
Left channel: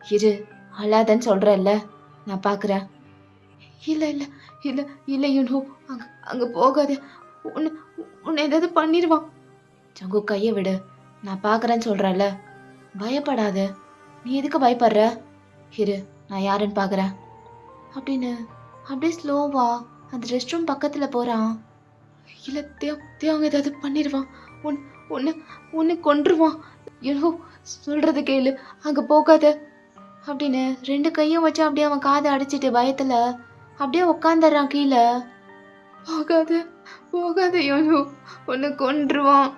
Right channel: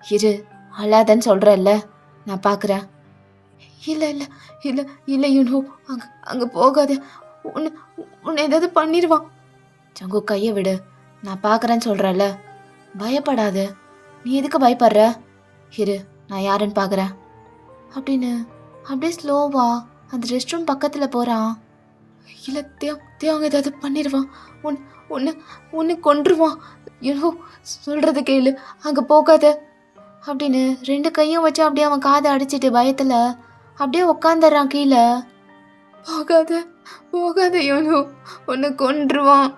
இரு, அழாதன்னு சொல்கிறல்ல, நான் பார்க்குறேன். இல்லை இல்லை இல்லை இல்லை யூனோ, அங்கே போகாத. உன்னை ஏதாவது பண்ணிடுவான். ஜங்கு, கையை விடு, நான் பார்க்குறேன்னு சொல்கிறல்ல, பயப்படாத. நீ எதுக்கு பயப்படுற? இரு, நான் யாருன்னு பார்க்குறேன் அப்படின்னு அப்படியே ஸ்லோவா அந்த ரெஸ்ட் ரூம் பக்கத்தில் போகிறான். இல்லை தேவங்க ஏதாவது பண்ணிடுவான். ஒன்று கொன்றுவான். யூனோ, சொல்கிறது கேளு, அங்கே போகாத அப்படின்னு 2 கையும் வச்சு அப்படியே அவன் காதை அடிச்சிட்டு பயத்தில் அப்படியே உட்காந்துடுறான் கீழே. போகாத யூன்ஹூ, ஒன்று கொன்றுவான்.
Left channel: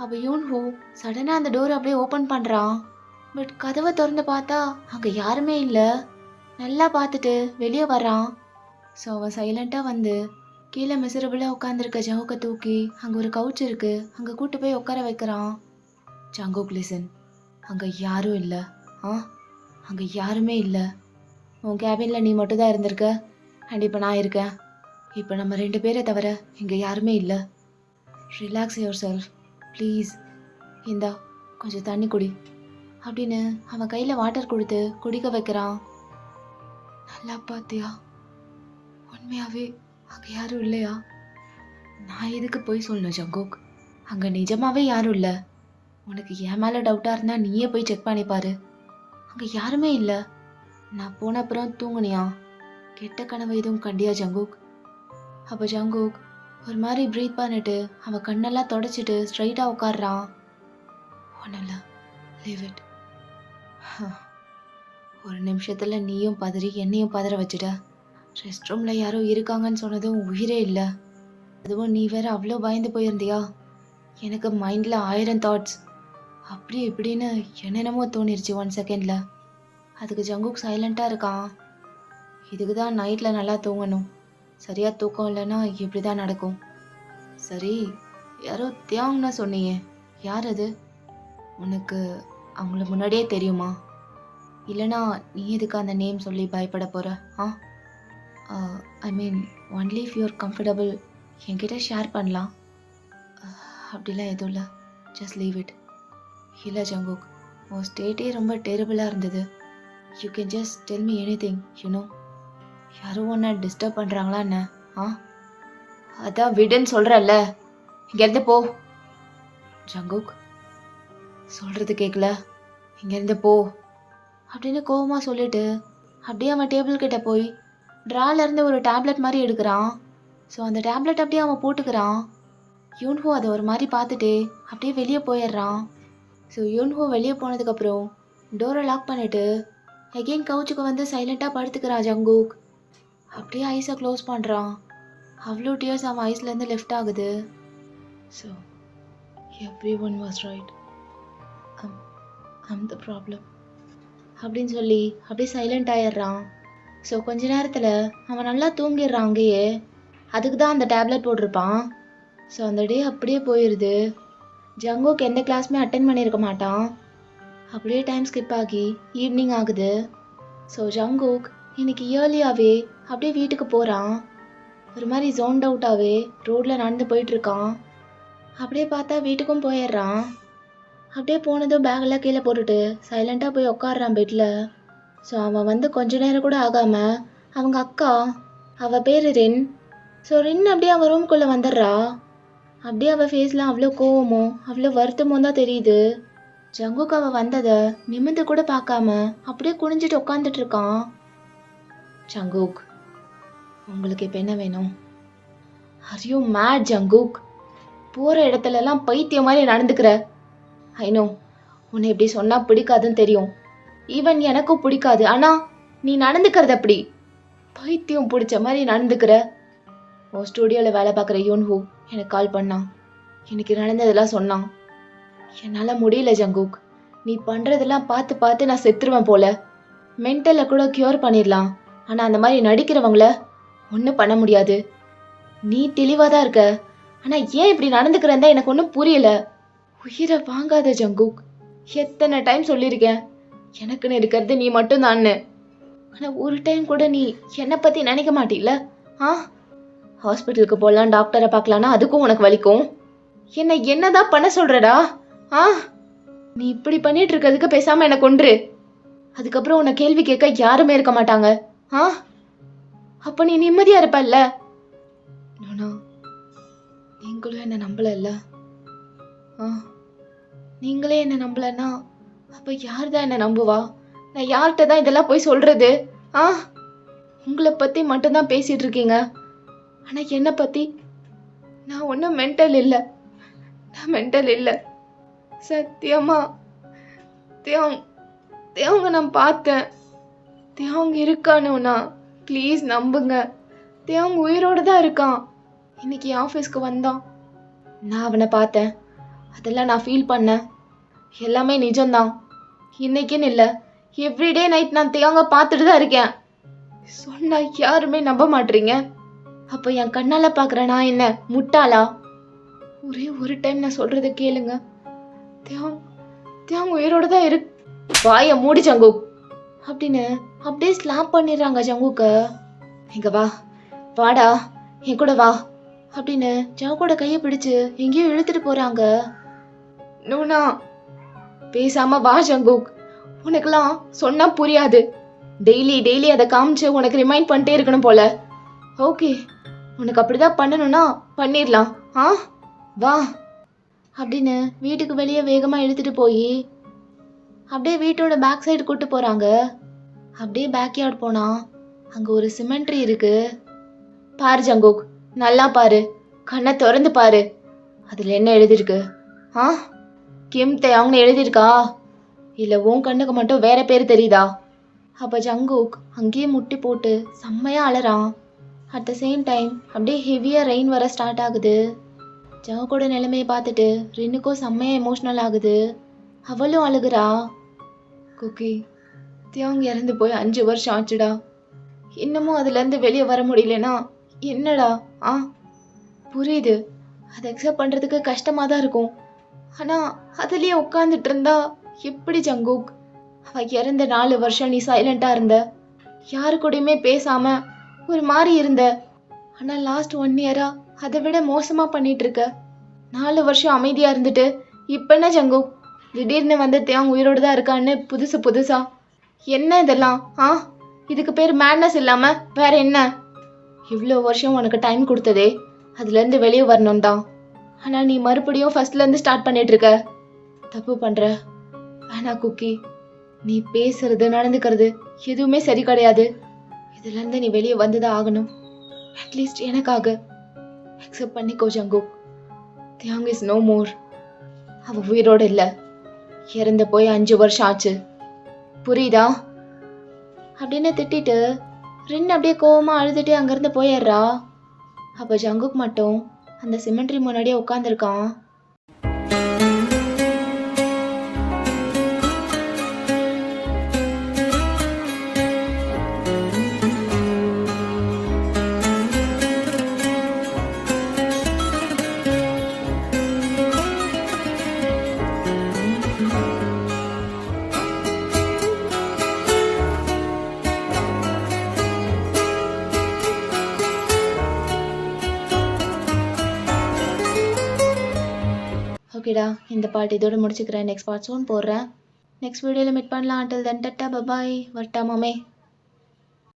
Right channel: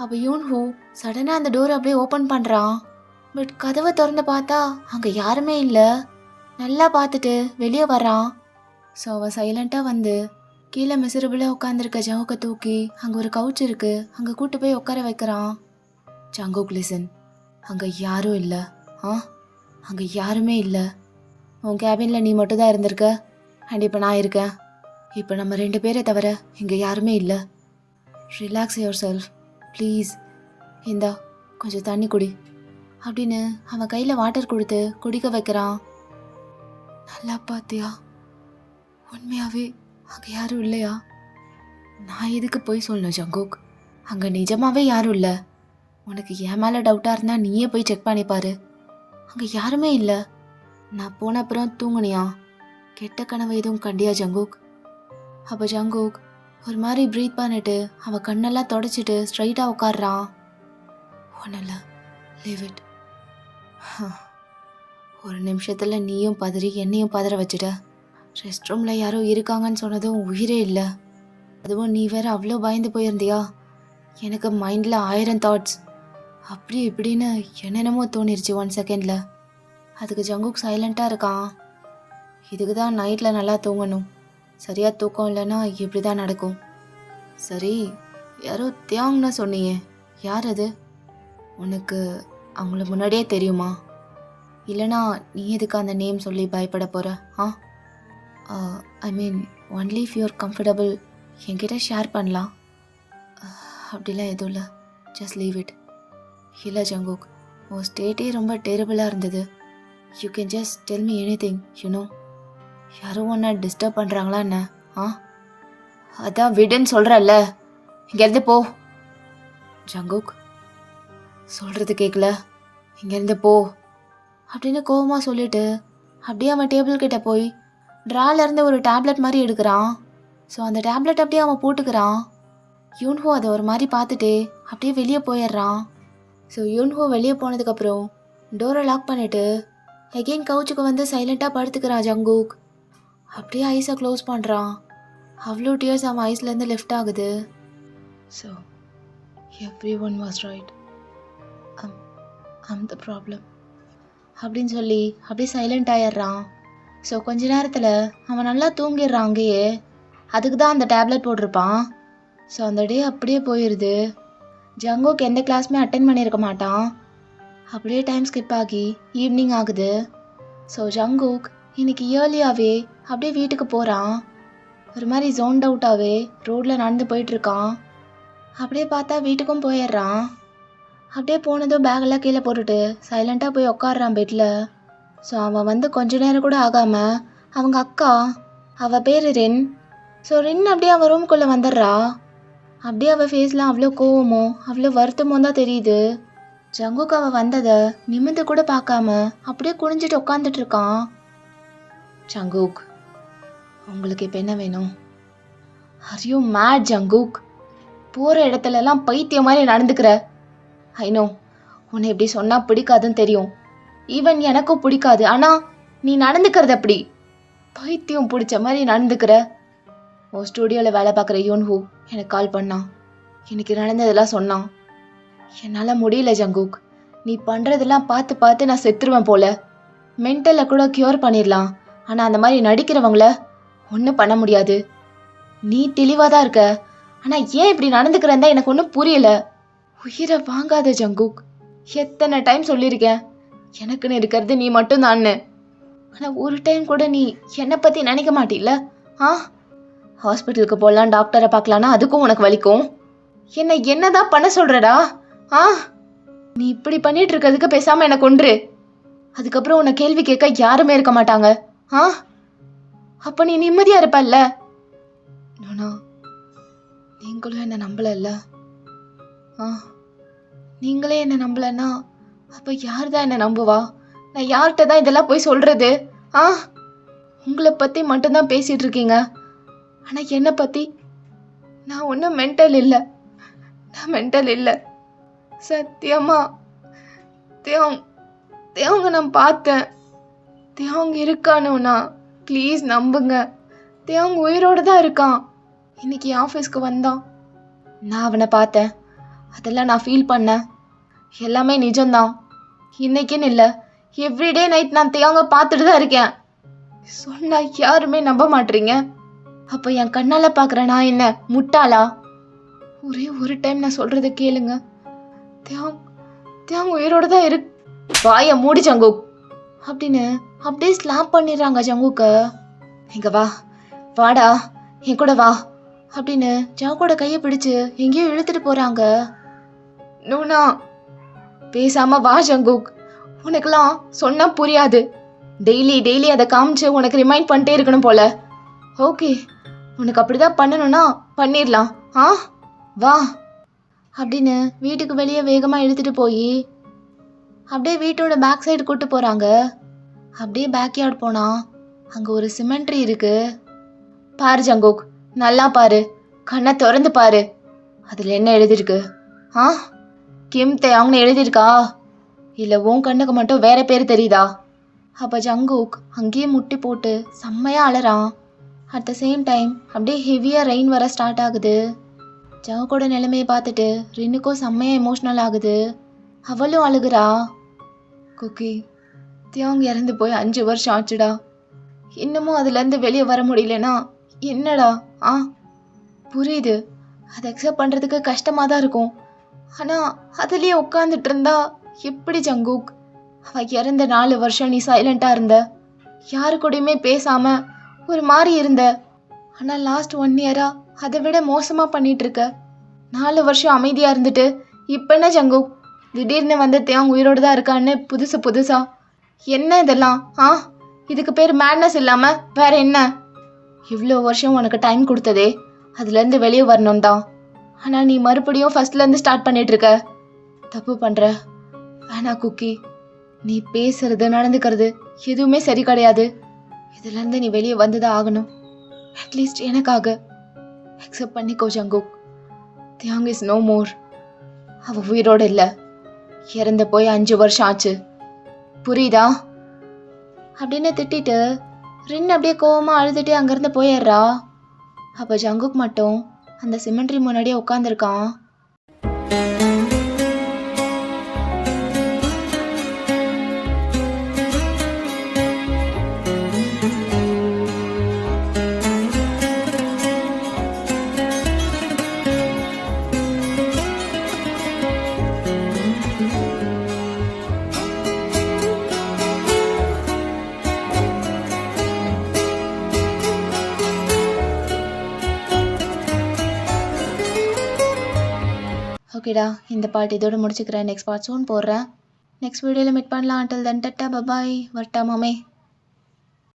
அப்போ யூன்ஹூ சடனாக அந்த டோரை அப்படியே ஓப்பன் பண்ணுறான். பட் கதவை திறந்து பார்த்தா அங்கே யாருமே இல்லை. நல்லா பார்த்துட்டு வெளியே வர்றான். ஸோ அவன் சைலண்ட்டாக வந்து கீழே மிசரபிளாக உட்காந்துருக்க ஜங்குக்கை தூக்கி அங்கே ஒரு கவுச் இருக்குது, அங்கே கூட்டு போய் உட்கார வைக்கிறான். ஜங்குக், லிசன், அங்கே யாரும் இல்லை. அங்கே யாருமே இல்லை. உன் கேபினில் நீ மட்டும் தான் இருந்திருக்க, அண்ட் இப்போ நான் இருக்கேன். இப்போ நம்ம 2 பேரை தவிர இங்கே யாருமே இல்லை. Relax your self please. இந்தா கொஞ்சம் தண்ணி குடி அப்படின்னு அவன் கையில் வாட்டர் கொடுத்து குடிக்க வைக்கிறான். நல்லா பார்த்தியா? உண்மையாகவே அங்கே யாரும் இல்லையா? நான் எதுக்கு போய் சொல்லணும் ஜங்குக்? அங்கே நிஜமாகவே யாரும் இல்லை. உனக்கு என் மேலே டவுட்டாக இருந்தால் நீயே போய் செக் பண்ணிப்பாரு. அங்கே யாருமே இல்லை. நான் போன அப்புறம் தூங்குனியா? கெட்ட கனவு எதுவும் கண்டியா ஜங்குக்? அப்போ ஜங்குக் ஒரு மாதிரி ப்ரீத் பண்ணிட்டு அவன் கண்ணெல்லாம் தொடச்சிட்டு ஸ்ட்ரைட்டாக உட்காடுறான். ஒன்றும் இல்லை, லீவ் இட். ஒரு நிமிஷத்தில் நீயும் பதறி என்னையும் பதற வச்சுட்ட. ரெஸ்ட் ரூமில் யாரோ இருக்காங்கன்னு சொன்னதும் உயிரே இல்லை. அதுவும் நீ வேற அவ்வளோ பயந்து போயிருந்தியா. எனக்கு மைண்டில் 1000 தாட்ஸ். அப்படி இப்படின்னு என்னென்னமோ தோணிருச்சு 1 செகண்டில். அதுக்கு ஜங்குக் சைலண்ட்டாக இருக்கான். இதுக்கு தான் நைட்டில் நல்லா தூங்கணும். சரியாக தூக்கம் இல்லைன்னா இப்படி தான் நடக்கும். சரி, யாரோ தியாங்னு சொன்னியே, யார் அது? உனக்கு அவங்கள முன்னாடியே தெரியுமா? இல்லைனா நீ எதுக்கு அந்த நேம் சொல்லி பயப்பட போகிற? I mean only if you're comfortable என்கிட்ட ஷேர் பண்ணலாம். அப்படிலாம் எதுவும் இல்லை, ஜஸ்ட் லீவ் இட். இல்லை ஜங்குக், உன் ஸ்டேட்டே ரொம்ப டெரிபிளாக இருந்தது. You can just tell me anything, you know. யாரும் ஒன்றை டிஸ்டர்ப் பண்ணுறாங்களா என்ன? அதான் விடுன்னு சொல்கிறல்ல, இங்கேருந்து போ. ஜங்குக், சொல்கிறது கேட்கல, இங்கேருந்து போ அப்படின்னு கோவமாக சொல்லிட்டு அப்படியே அவன் டேபிள் கிட்ட போய் ட்ராலேருந்து ஒரு டேப்லெட் மாதிரி எடுக்கிறான். ஸோ அந்த டேப்லெட் அப்படியே அவன் போட்டுக்கிறான். யூன்ஹோ அதை ஒரு மாதிரி பார்த்துட்டு அப்படியே வெளியே போயிடுறான். ஸோ யூன்ஹோ வெளியே போனதுக்கப்புறம் டோரை லாக் பண்ணிவிட்டு அகெயின் கவுச்சுக்கு வந்து சைலண்ட்டாக படுத்துக்கிறான் ஜங்குக். அப்படியே ஐஸை க்ளோஸ் பண்ணுறான். அவ்வளோ டியர்ஸ் அவன் ஐஸ்லேருந்து லெஃப்ட் ஆகுது. So every one was right, I'm the problem அப்படின்னு சொல்லி அப்படியே சைலண்ட் ஆயிடுறான். ஸோ கொஞ்ச நேரத்தில் அவன் நல்லா தூங்கிடுறான் அங்கேயே. அதுக்கு தான் அந்த டேப்லெட் போட்டிருப்பான். ஸோ அந்த டே அப்படியே போயிடுது. ஜங்குக் எந்த கிளாஸுமே அட்டென்ட் பண்ணியிருக்க மாட்டான். அப்படியே டைம் ஸ்கிப் ஆகி ஈவினிங் ஆகுது. ஸோ ஜங்குக் இன்னைக்கு இயர்லியாகவே அப்படியே வீட்டுக்கு போகிறான். ஒரு மாதிரி ஜோன்ட் அவுட்டாகவே ரோட்டில் நடந்து போயிட்டுருக்கான். அப்படியே பார்த்தா வீட்டுக்கும் போயிடுறான். அப்படியே போனதும் பேக்கெல்லாம் கீழே போட்டுட்டு சைலண்ட்டாக போய் உட்காடுறான் பெட்டில். ஸோ அவன் வந்து கொஞ்ச நேரம் கூட ஆகாமல் அவங்க அக்கா, அவள் பேர் ரின். ஸோ ரின் அப்படியே அவன் ரூம்குள்ளே வந்துடுறா. அப்படியே அவள் ஃபேஸில் அவ்வளோ கோவமும் அவ்வளோ வருத்தமும் தான் தெரியுது. ஜங்குக் அவள் வந்ததை நிமிர்ந்து கூட பார்க்காம அப்படியே குனிஞ்சிட்டு உட்காந்துட்டு இருக்கான். ஜங்குக், உங்களுக்கு இப்போ என்ன வேணும்? Are you mad Jungkook? போகிற இடத்துலலாம் பைத்தியம் மாதிரி நடந்துக்கிற. ஐநோ, உன்னை எப்படி சொன்னால் பிடிக்காதுன்னு தெரியும். ஈவன் எனக்கும் பிடிக்காது. ஆனால் நீ நடந்துக்கிறது அப்படி பைத்தியம் பிடிச்ச மாதிரி நடந்துக்கிற. உன் ஸ்டூடியோவில் வேலை பார்க்குற யூன்ஹூ எனக்கு கால் பண்ணான். எனக்கு நடந்ததெல்லாம் சொன்னான். என்னால் முடியல ஜங்குக். நீ பண்ணுறதெல்லாம் பார்த்து பார்த்து நான் செத்துருவேன் போல. மென்டலை கூட க்யூர் பண்ணிடலாம். ஆனால் அந்த மாதிரி நடிக்கிறவங்கள ஒன்றும் பண்ண முடியாது. நீ தெளிவாக தான் இருக்க, ஆனால் ஏன் இப்படி நடந்துக்கிறதா எனக்கு ஒன்றும் புரியல. உயிரை வாங்காத ஜங்குக். எத்தனை டைம் சொல்லியிருக்கேன், எனக்குன்னு இருக்கிறது நீ மட்டும்தான்னு. ஆனால் ஒரு டைம் கூட நீ என்னை பற்றி நினைக்க மாட்டில்ல? ஹாஸ்பிட்டலுக்கு போகலாம், டாக்டரை பார்க்கலான்னா அதுக்கும் உனக்கு வலிக்கும். என்னதான் பண்ண சொல்கிறடா? நீ இப்படி பண்ணிட்டு இருக்கிறதுக்கு பேசாமல் எனக்கு கொன்று. அதுக்கப்புறம் உன்னை கேள்வி கேட்க யாருமே இருக்க மாட்டாங்க. அப்போ நீ நிம்மதியாக இருப்பல்ல? நீங்களும் என்னை நம்பலல்ல? நீங்களே என்னை நம்பலன்னா அப்போ யார் தான் என்னை நம்புவா? நான் யார்கிட்ட தான் இதெல்லாம் போய் சொல்றது? உங்களை பற்றி மட்டும்தான் பேசிட்டு இருக்கீங்க, ஆனால் என்னை பற்றி நான் ஒன்றும் மென்டல் இல்லை. நான் மென்டல் இல்லை சத்தியமா. தேவங்க நான் பார்த்தேன். தேவங்க இருக்கானுண்ணா, ப்ளீஸ் நம்புங்க. தேவங்க உயிரோடு தான் இருக்கான். இன்னைக்கு ஆஃபீஸ்க்கு வந்தான், நான் அவனை பார்த்தேன். அதெல்லாம் நான் ஃபீல் பண்ணேன். எல்லாமே நிஜம்தான். இன்னைக்குன்னு இல்லை, எவ்ரிடே நைட் நான் தேவங்க பார்த்துட்டு தான் இருக்கேன். சொன்னா யாருமே நம்ப மாட்டீங்க. அப்போ என் கண்ணால் பார்க்குற நான் என்ன முட்டாளா? ஒரே ஒரு டைம் நான் சொல்றதை கேளுங்க. தேவங்க உயிரோட தான் இருக்கு. வாய மூடி ஜங்குக் அப்படின்னு அப்படியே ஸ்லாப் பண்ணிடுறாங்க ஜங்குக்க. எங்க வாடா என் கூட வா அப்படின்னு ஜங்குவோட கையை பிடிச்சு எங்கேயோ இழுத்துட்டு போறாங்க. நூனா பேசாம வா ஜங்குக், உனக்கெல்லாம் சொன்னா புரியாது. டெய்லி அதை காமிச்சு உனக்கு ரிமைண்ட் பண்ணிட்டே இருக்கணும் போல. ஓகே, உனக்கு அப்படிதான் பண்ணணும்னா பண்ணிடலாம். வா அப்படின்னு வீட்டுக்கு வெளியே வேகமாக இழுத்துட்டு போய் அப்படியே வீட்டோட பேக் சைடு கூட்டு போகிறாங்க. அப்படியே பேக்யார்ட் போனால் அங்கே ஒரு சிமெண்ட்ரி இருக்கு. பாரு ஜங்குக், நல்லா பாரு, கண்ணை திறந்து பாரு. அதில் என்ன எழுதிருக்கு? கிம் தேங்னு எழுதியிருக்கா? இல்லை உன் கண்ணுக்கு மட்டும் வேற பேர் தெரியுதா? அப்போ ஜங்குக் அங்கேயே முட்டி போட்டு செம்மையாக அலறான். அட் த சேம் டைம் அப்படியே ஹெவியாக ரெயின் வர ஸ்டார்ட் ஆகுது. ஜங்குக்கோட நிலைமையை பார்த்துட்டு ரின்னுக்கும் செம்மையா எமோஷ்னல் ஆகுது. அவளும் அழுகுறா. குக்கி, தேவங்க இறந்து போய் 5 வருஷம் ஆச்சுடா. இன்னமும் அதுலேருந்து வெளியே வர முடியலன்னா என்னடா? புரியுது, அதை அக்செப்ட் பண்ணுறதுக்கு கஷ்டமாக தான் இருக்கும். ஆனால் அதுலேயே உட்காந்துட்டு இருந்தா எப்படி ஜங்குக்? அவள் இறந்த 4 வருஷம் நீ சைலண்ட்டாக இருந்த, யாரு கூடயுமே பேசாமல் ஒரு மாதிரி இருந்த. ஆனால் லாஸ்ட் 1 இயரா அதை விட மோசமாக பண்ணிட்டு இருக்க. 4 வருஷம் அமைதியாக இருந்துட்டு இப்போ என்ன ஜங்குக் திடீர்னு வந்து தேவன் உயிரோடு தான் இருக்கான்னு புதுசா என்ன இதெல்லாம்? இதுக்கு பேர் மேட்னஸ் இல்லாமல் வேற என்ன? இவ்வளோ வருஷம் உனக்கு டைம் கொடுத்ததே அதுலேருந்து வெளியே வரணும் தான். ஆனால் நீ மறுபடியும் ஃபர்ஸ்ட்லேருந்து ஸ்டார்ட் பண்ணிட்டு இருக்க. தப்பு பண்ணுற. வேணா குக்கி, நீ பேசுறது நடந்துக்கிறது எதுவுமே சரி கிடையாது. இதுலேருந்து நீ வெளியே வந்து தான் ஆகணும். அட்லீஸ்ட் எனக்காக அக்செப்ட் பண்ணிக்கோ ஜங்குக். தியாங் இஸ் நோ மோர். அவ உயிரோடு இல்லை, இறந்து போய் 5 வருஷம் ஆச்சு. புரியுதா? அப்படின்னு திட்டிட்டு ரின் அப்படியே கோவமா அழுதுட்டு அங்கிருந்து போயிடுறா. அப்போ ஜங்குக் மட்டும் அந்த சிமெண்ட்ரி முன்னாடியே உட்காந்துருக்கான். ஓகேடா, இந்த பார்ட் இதோட முடிச்சுக்கிறேன். நெக்ஸ்ட் பார்ட் சூன் போடுறேன். நெக்ஸ்ட் வீடியோவில் மீட் பண்ணலாம். Until then ta-ta bye bye. வரட்டா மாமே.